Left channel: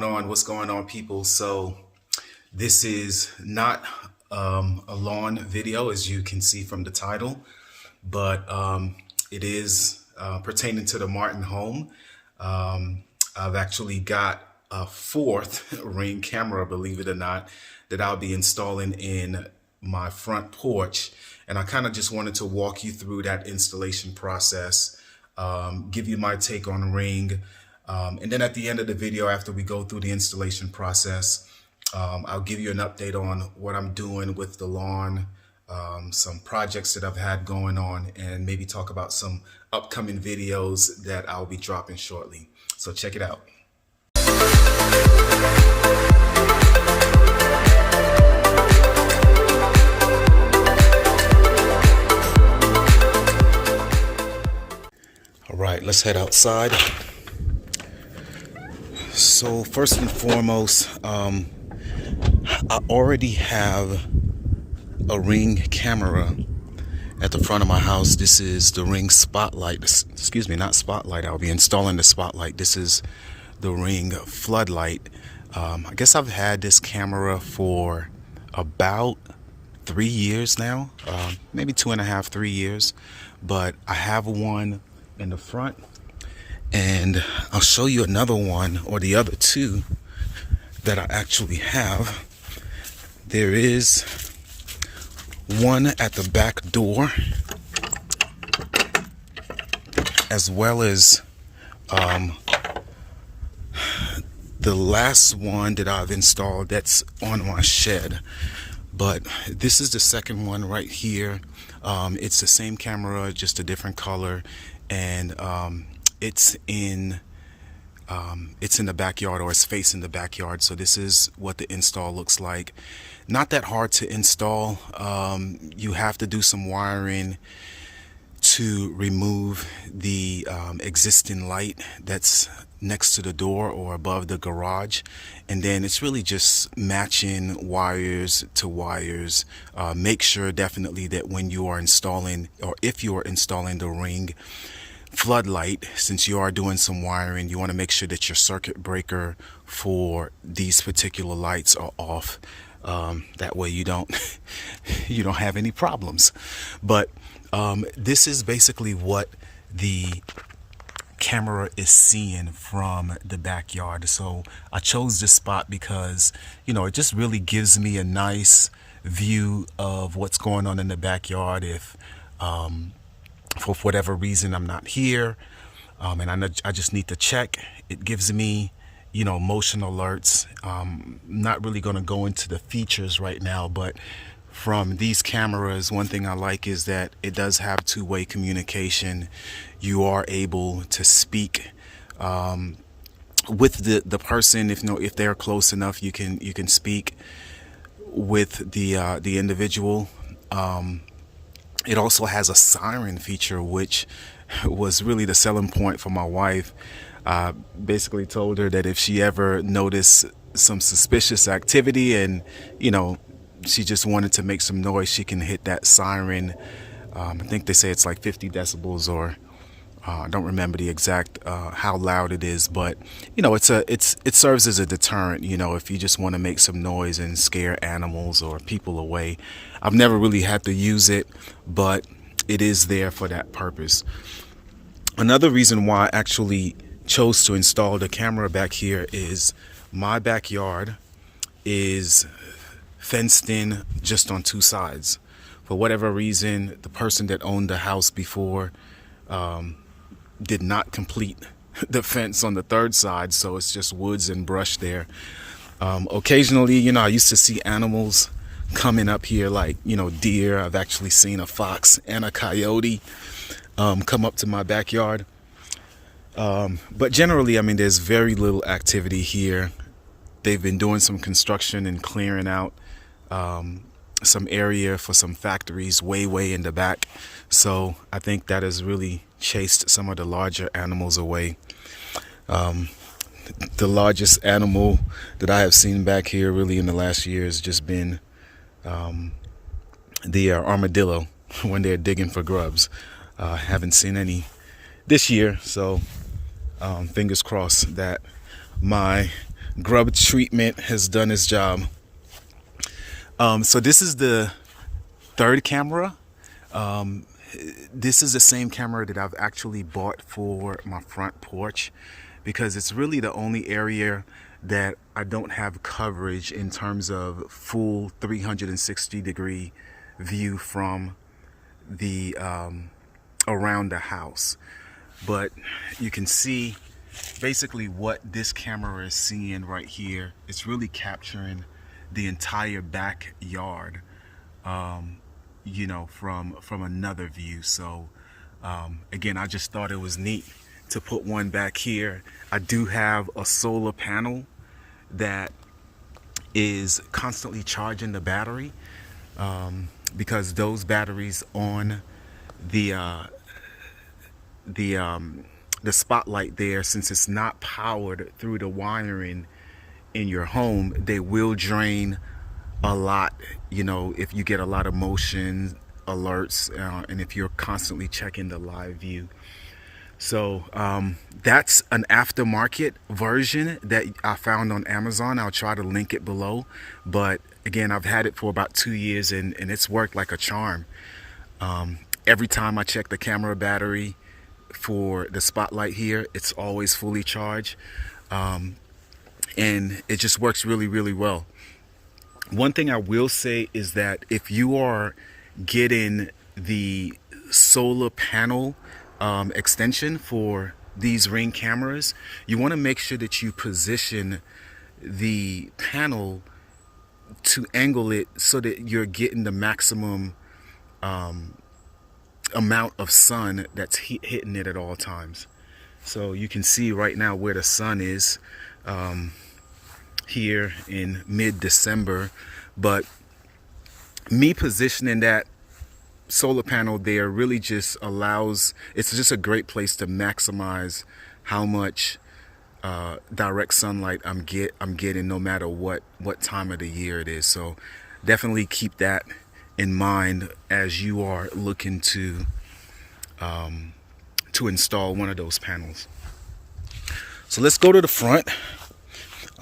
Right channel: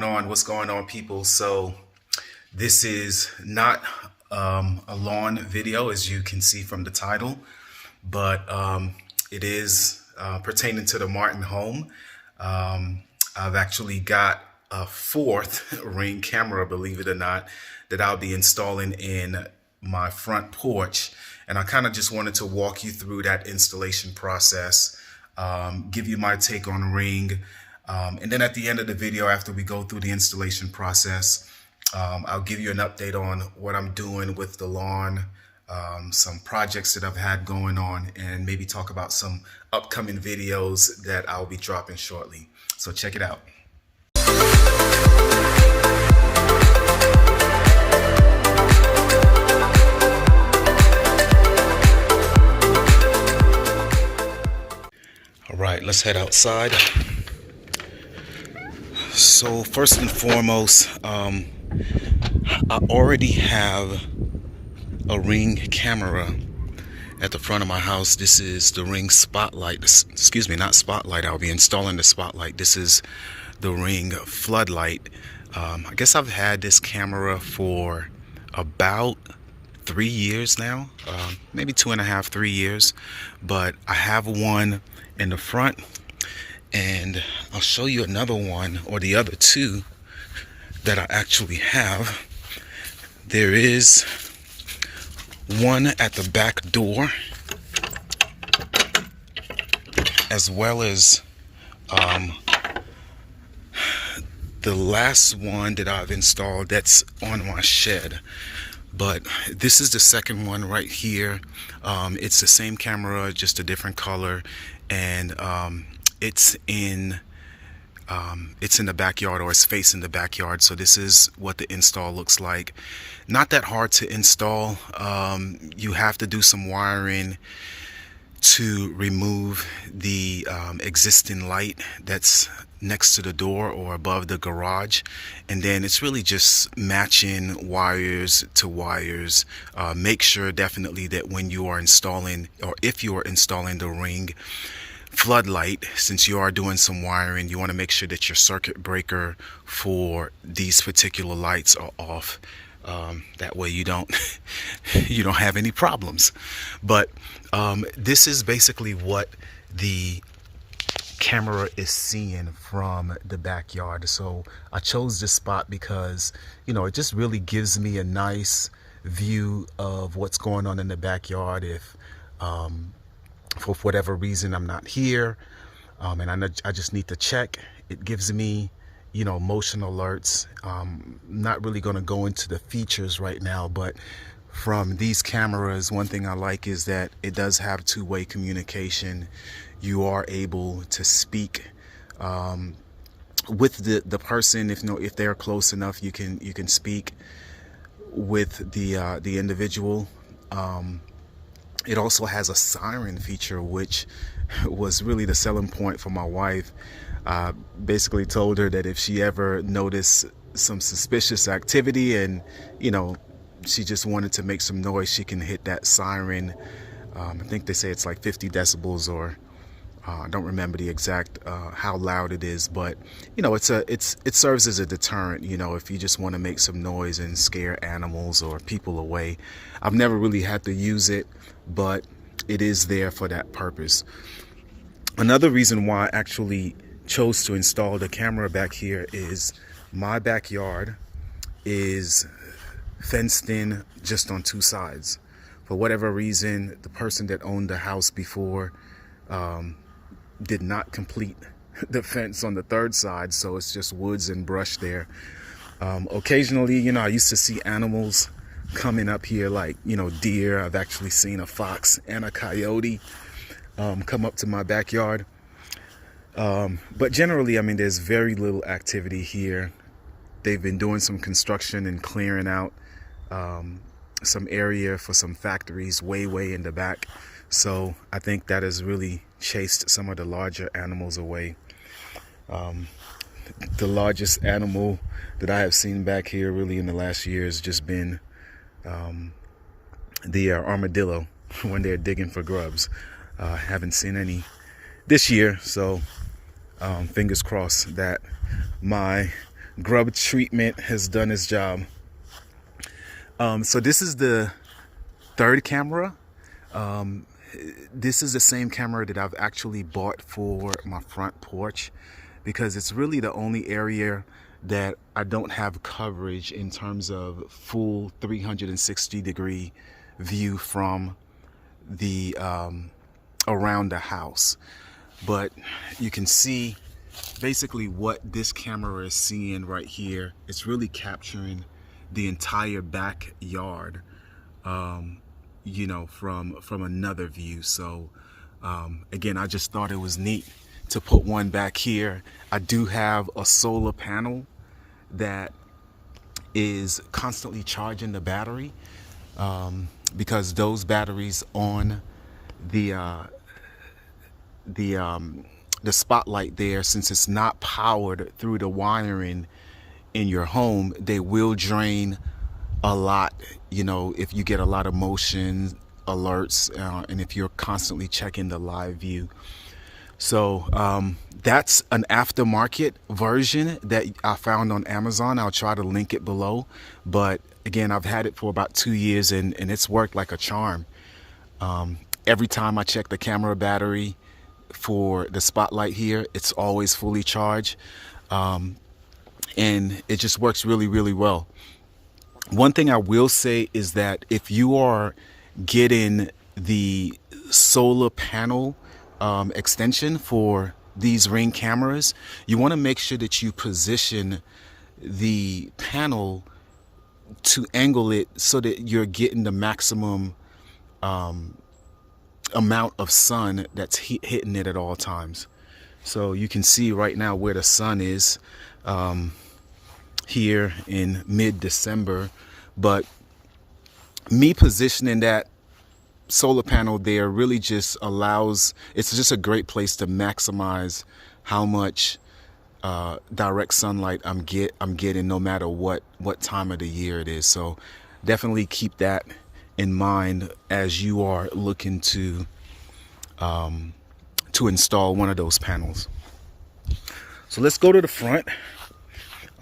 going on? What's going on, people? So this is not a lawn video, as you can see from the title, but it is pertaining to the Martin home. I've actually got a fourth Ring camera, believe it or not, that I'll be installing in my front porch. And I kind of just wanted to walk you through that installation process, give you my take on Ring. And then at the end of the video, after we go through the installation process, I'll give you an update on what I'm doing with the lawn, some projects that I've had going on, and maybe talk about some upcoming videos that I'll be dropping shortly. So check it out. All right, let's head outside. So first and foremost, I already have a Ring camera at the front of my house. This is the Ring Spotlight. Excuse me, not Spotlight. I'll be installing the Spotlight. This is the Ring Floodlight. I guess I've had this camera for about 3 years now, maybe 2.5, 3 years. But I have one in the front, and I'll show you another one, or the other two that I actually have. There is one at the back door, as well as the last one that I've installed that's on my shed. But this is the second one right here. It's the same camera, just a different color, and it's in the backyard, or it's facing the backyard. So this is what the install looks like. Not that hard to install. You have to do some wiring to remove the existing light that's next to the door or above the garage, and then it's really just matching wires to wires. Make sure definitely that when you are installing, or if you are installing the Ring Floodlight, since you are doing some wiring, you want to make sure that your circuit breaker for these particular lights are off. That way you don't you don't have any problems. But this is basically what the camera is seeing from the backyard. So I chose this spot because, you know, it just really gives me a nice view of what's going on in the backyard if for whatever reason I'm not here, and I just need to check. It gives me, you know, motion alerts. Not really going to go into the features right now, but from these cameras, one thing I like is that it does have two-way communication. You are able to speak with the person. If they're close enough, you can speak with the individual. It also has a siren feature, which was really the selling point for my wife. Basically told her that if she ever noticed some suspicious activity and, you know, she just wanted to make some noise, she can hit that siren. I think they say it's like 50 decibels, or I don't remember the exact how loud it is, but you know, it serves as a deterrent. You know, if you just want to make some noise and scare animals or people away. I've never really had to use it, but it is there for that purpose. Another reason why I actually chose to install the camera back here is my backyard is fenced in just on two sides. For whatever reason, the person that owned the house before did not complete the fence on the third side, so it's just woods and brush there. Occasionally, you know, I used to see animals coming up here, like, you know, deer. I've actually seen a fox and a coyote come up to my backyard. But generally, I mean, there's very little activity here. They've been doing some construction and clearing out some area for some factories way in the back. So I think that has really chased some of the larger animals away. The largest animal that I have seen back here really in the last year has just been the armadillo when they're digging for grubs. Haven't seen any this year, so fingers crossed that my grub treatment has done its job. So this is the third camera. This is the same camera that I've actually bought for my front porch, because it's really the only area that I don't have coverage in terms of full 360-degree view from the around the house. But you can see basically what this camera is seeing right here. It's really capturing the entire backyard, you know, from another view. So again, I just thought it was neat to put one back here. I do have a solar panel that is constantly charging the battery, because those batteries on the spotlight there, since it's not powered through the wiring in your home, they will drain a lot, you know, if you get a lot of motion alerts, and if you're constantly checking the live view. So that's an aftermarket version that I found on Amazon. I'll try to link it below. But again, I've had it for about 2 years, and it's worked like a charm. Every time I check the camera battery for the spotlight here, it's always fully charged. And it just works really, really well. One thing I will say is that if you are getting the solar panel extension for these Ring cameras, you want to make sure that you position the panel to angle it so that you're getting the maximum amount of sun that's hitting it at all times. So you can see right now where the sun is here in mid-December, but me positioning that solar panel there really just allows, it's just a great place to maximize how much direct sunlight I'm getting, no matter what time of the year it is. So definitely keep that in mind as you are looking to install one of those panels. So let's go to the front.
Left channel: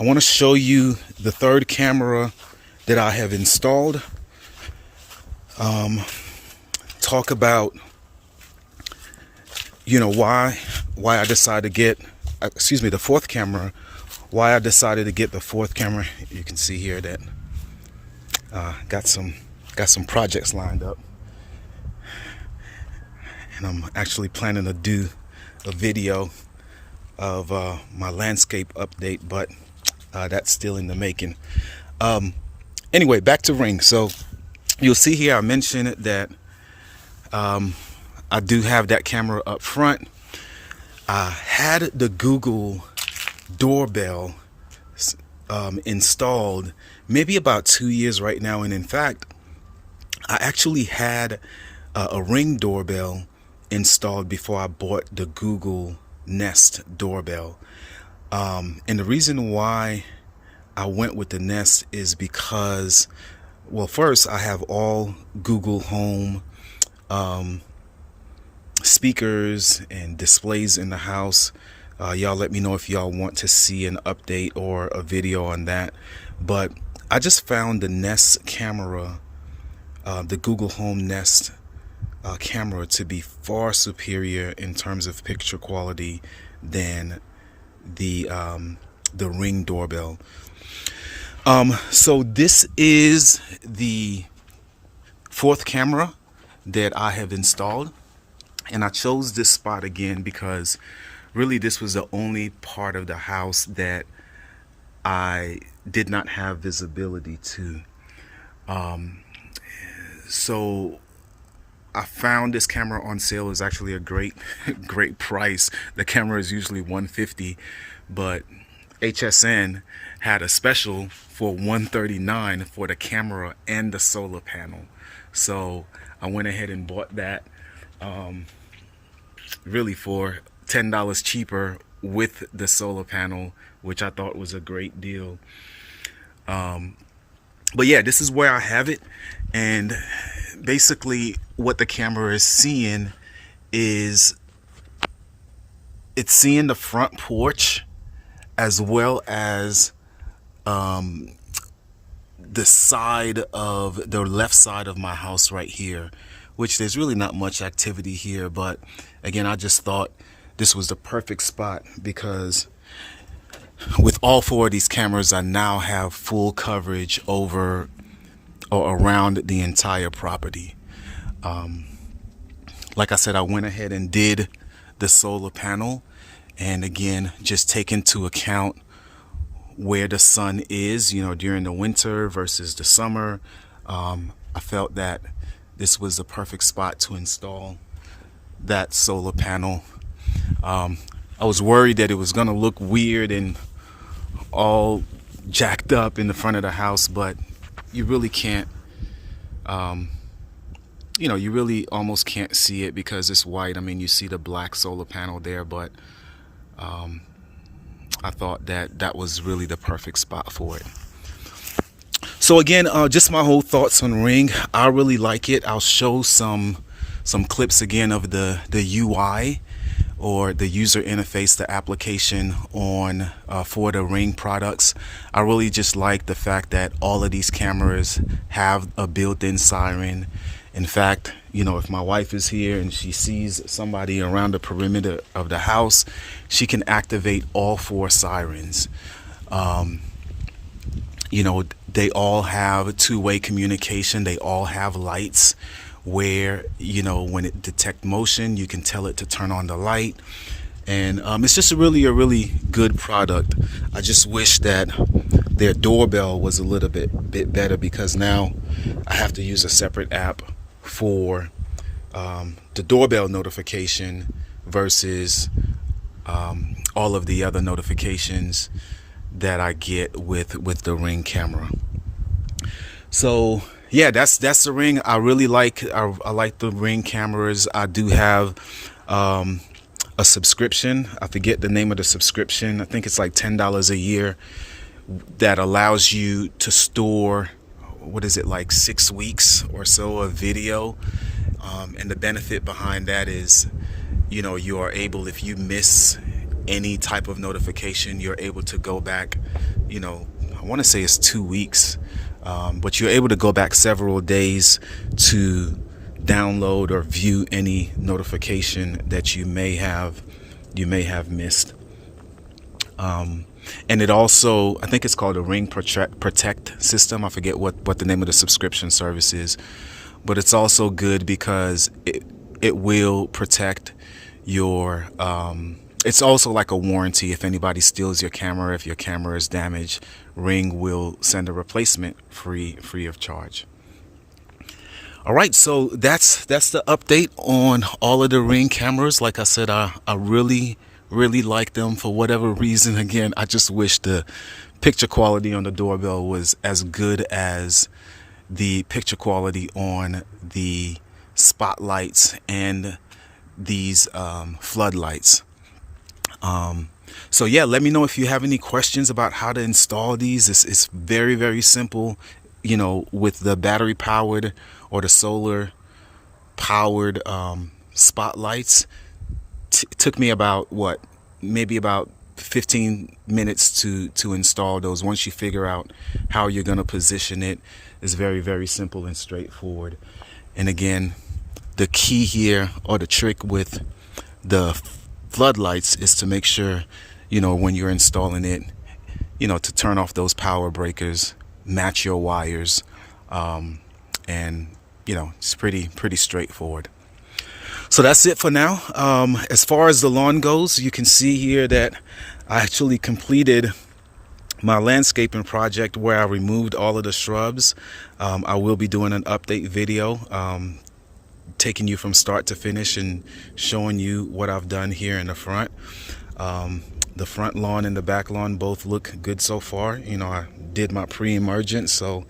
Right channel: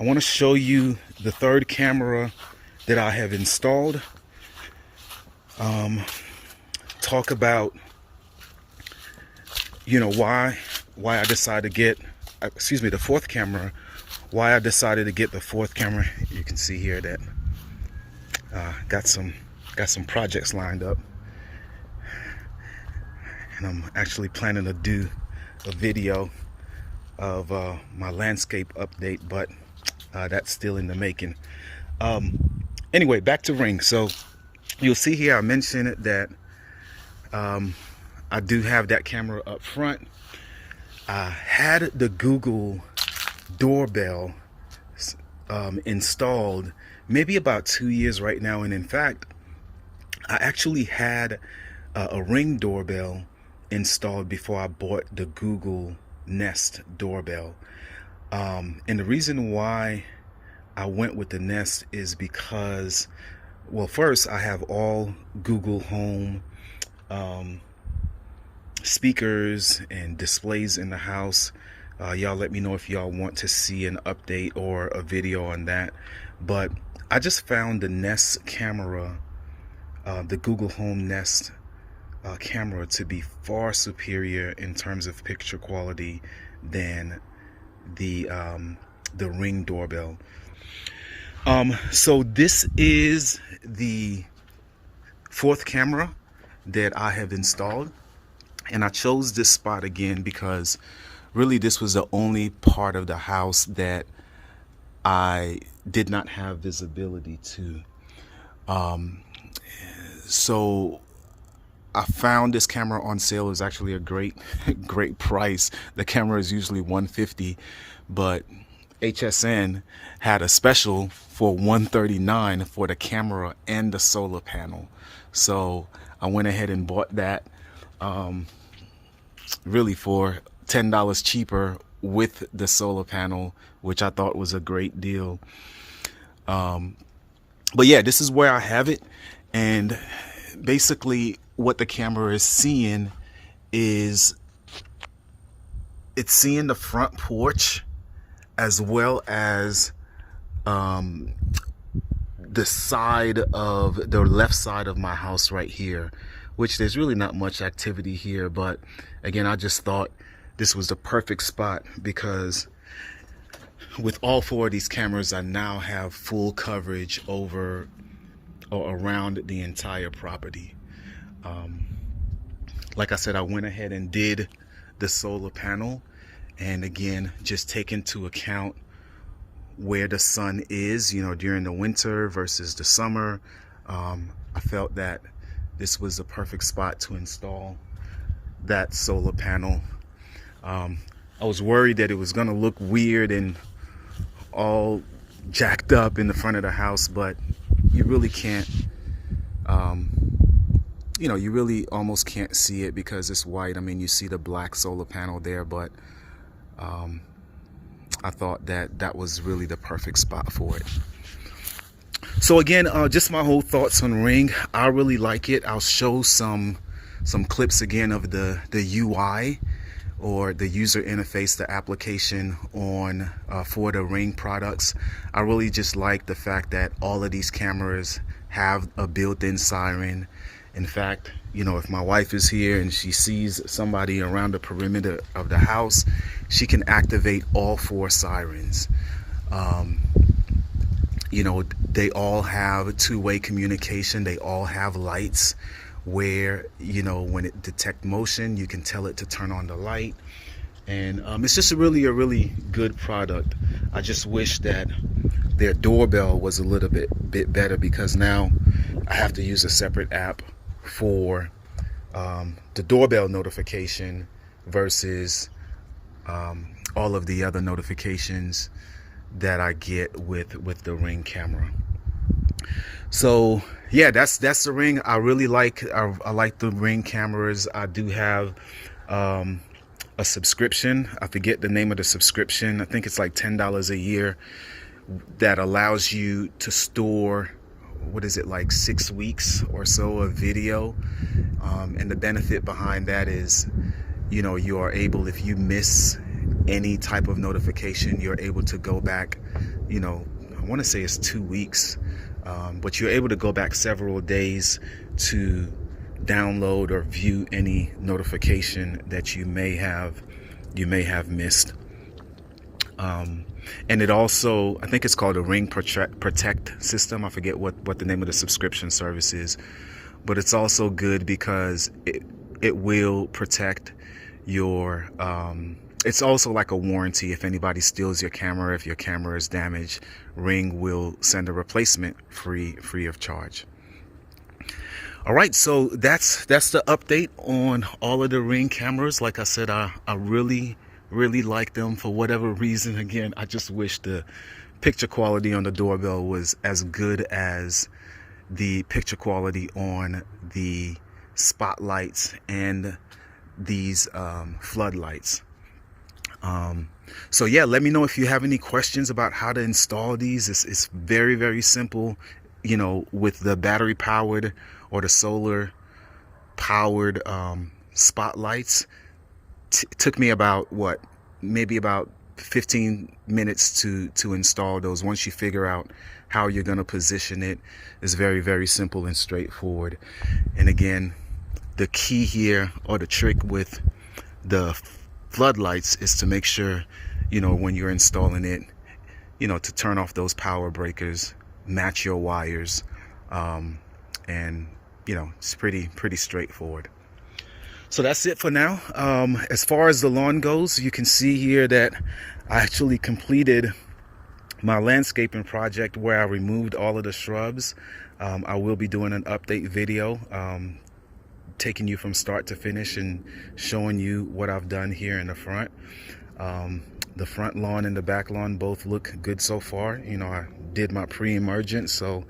I want to show you the third camera that I have installed. Talk about, you know, why I decided to get, the fourth camera, why I decided to get the fourth camera. You can see here that got some projects lined up, and I'm actually planning to do a video of my landscape update, but that's still in the making. Anyway, back to Ring. So you'll see here I mentioned that I do have that camera up front. I had the Google doorbell installed maybe about 2 years right now, and in fact I actually had a Ring doorbell installed before I bought the Google Nest doorbell. And the reason why I went with the Nest is because, well, first, I have all Google Home speakers and displays in the house. Y'all let me know if y'all want to see an update or a video on that. But I just found the Nest camera, the Google Home Nest camera, to be far superior in terms of picture quality than the Ring doorbell. So this is the fourth camera that I have installed, and I chose this spot again because really this was the only part of the house that I did not have visibility to. So I found this camera on sale. It was actually a great price. The camera is usually $150, but HSN had a special for $139 for the camera and the solar panel. So I went ahead and bought that, really for $10 cheaper with the solar panel, which I thought was a great deal. But yeah, this is where I have it. And basically what the camera is seeing is it's seeing the front porch as well as the side of the left side of my house right here, which there's really not much activity here, but again, I just thought this was the perfect spot because with all four of these cameras, I now have full coverage over or around the entire property. Like I said, I went ahead and did the solar panel, and again, just take into account where the sun is, you know, during the winter versus the summer. I felt that this was the perfect spot to install that solar panel. I was worried that it was gonna look weird and all jacked up in the front of the house, but you really can't, you know, you really almost can't see it because it's white. I mean, you see the black solar panel there, but I thought that that was really the perfect spot for it. So again, just my whole thoughts on Ring. I really like it. I'll show some clips again of the UI, or the user interface, the application on for the Ring products. I really just like the fact that all of these cameras have a built-in siren. In fact, you know, if my wife is here and she sees somebody around the perimeter of the house, she can activate all four sirens. You know, they all have two-way communication. They all have lights where, you know, when it detects motion, you can tell it to turn on the light. And it's just a really good product. I just wish that their doorbell was a little bit better, because now I have to use a separate app for the doorbell notification versus all of the other notifications that I get with the Ring camera. So yeah, that's the Ring. I really like I like the Ring cameras. I do have a subscription. I forget the name of the subscription. I think it's like $10 a year that allows you to store, what is it, like 6 weeks or so of video. And the benefit behind that is, you know, you are able, if you miss any type of notification, you're able to go back, you know, I want to say it's 2 weeks, but you're able to go back several days to download or view any notification that you may have missed. And it also, I think it's called a Ring Protect system. I forget what the name of the subscription service is, but it's also good because it will protect your it's also like a warranty. If anybody steals your camera, if your camera is damaged, Ring will send a replacement free of charge. All right, so that's the update on all of the Ring cameras. Like I said, I really like them. For whatever reason, again, I just wish the picture quality on the doorbell was as good as the picture quality on the spotlights and these floodlights. So yeah, let me know if you have any questions about how to install these. It's very simple, you know, with the battery powered or the solar powered spotlights. Took me about maybe about 15 minutes to install those. Once you figure out how you're going to position it, is very simple and straightforward. And again, the key here, or the trick with the floodlights, is to make sure, you know, when you're installing it, you know, to turn off those power breakers, match your wires, and you know, it's pretty straightforward. So that's it for now. As far as the lawn goes, you can see here that I actually completed my landscaping project where I removed all of the shrubs. I will be doing an update video, taking you from start to finish and showing you what I've done here in the front. The front lawn and the back lawn both look good so far. You know, I did my pre-emergence, so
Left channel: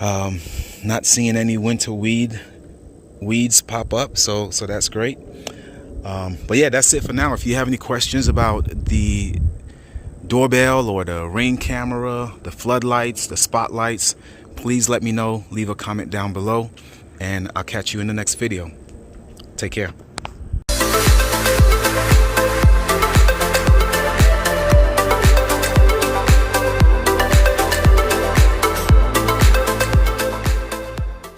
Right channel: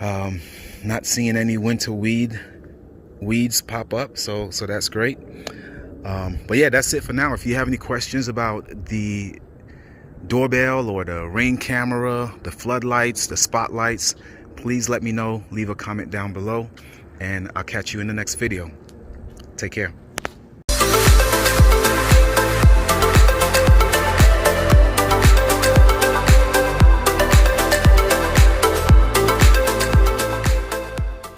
not seeing any winter weeds pop up, so that's great. But yeah, that's it for now. If you have any questions about the doorbell or the Ring camera, the floodlights, the spotlights, please let me know. Leave a comment down below, and I'll catch you in the next video. Take care.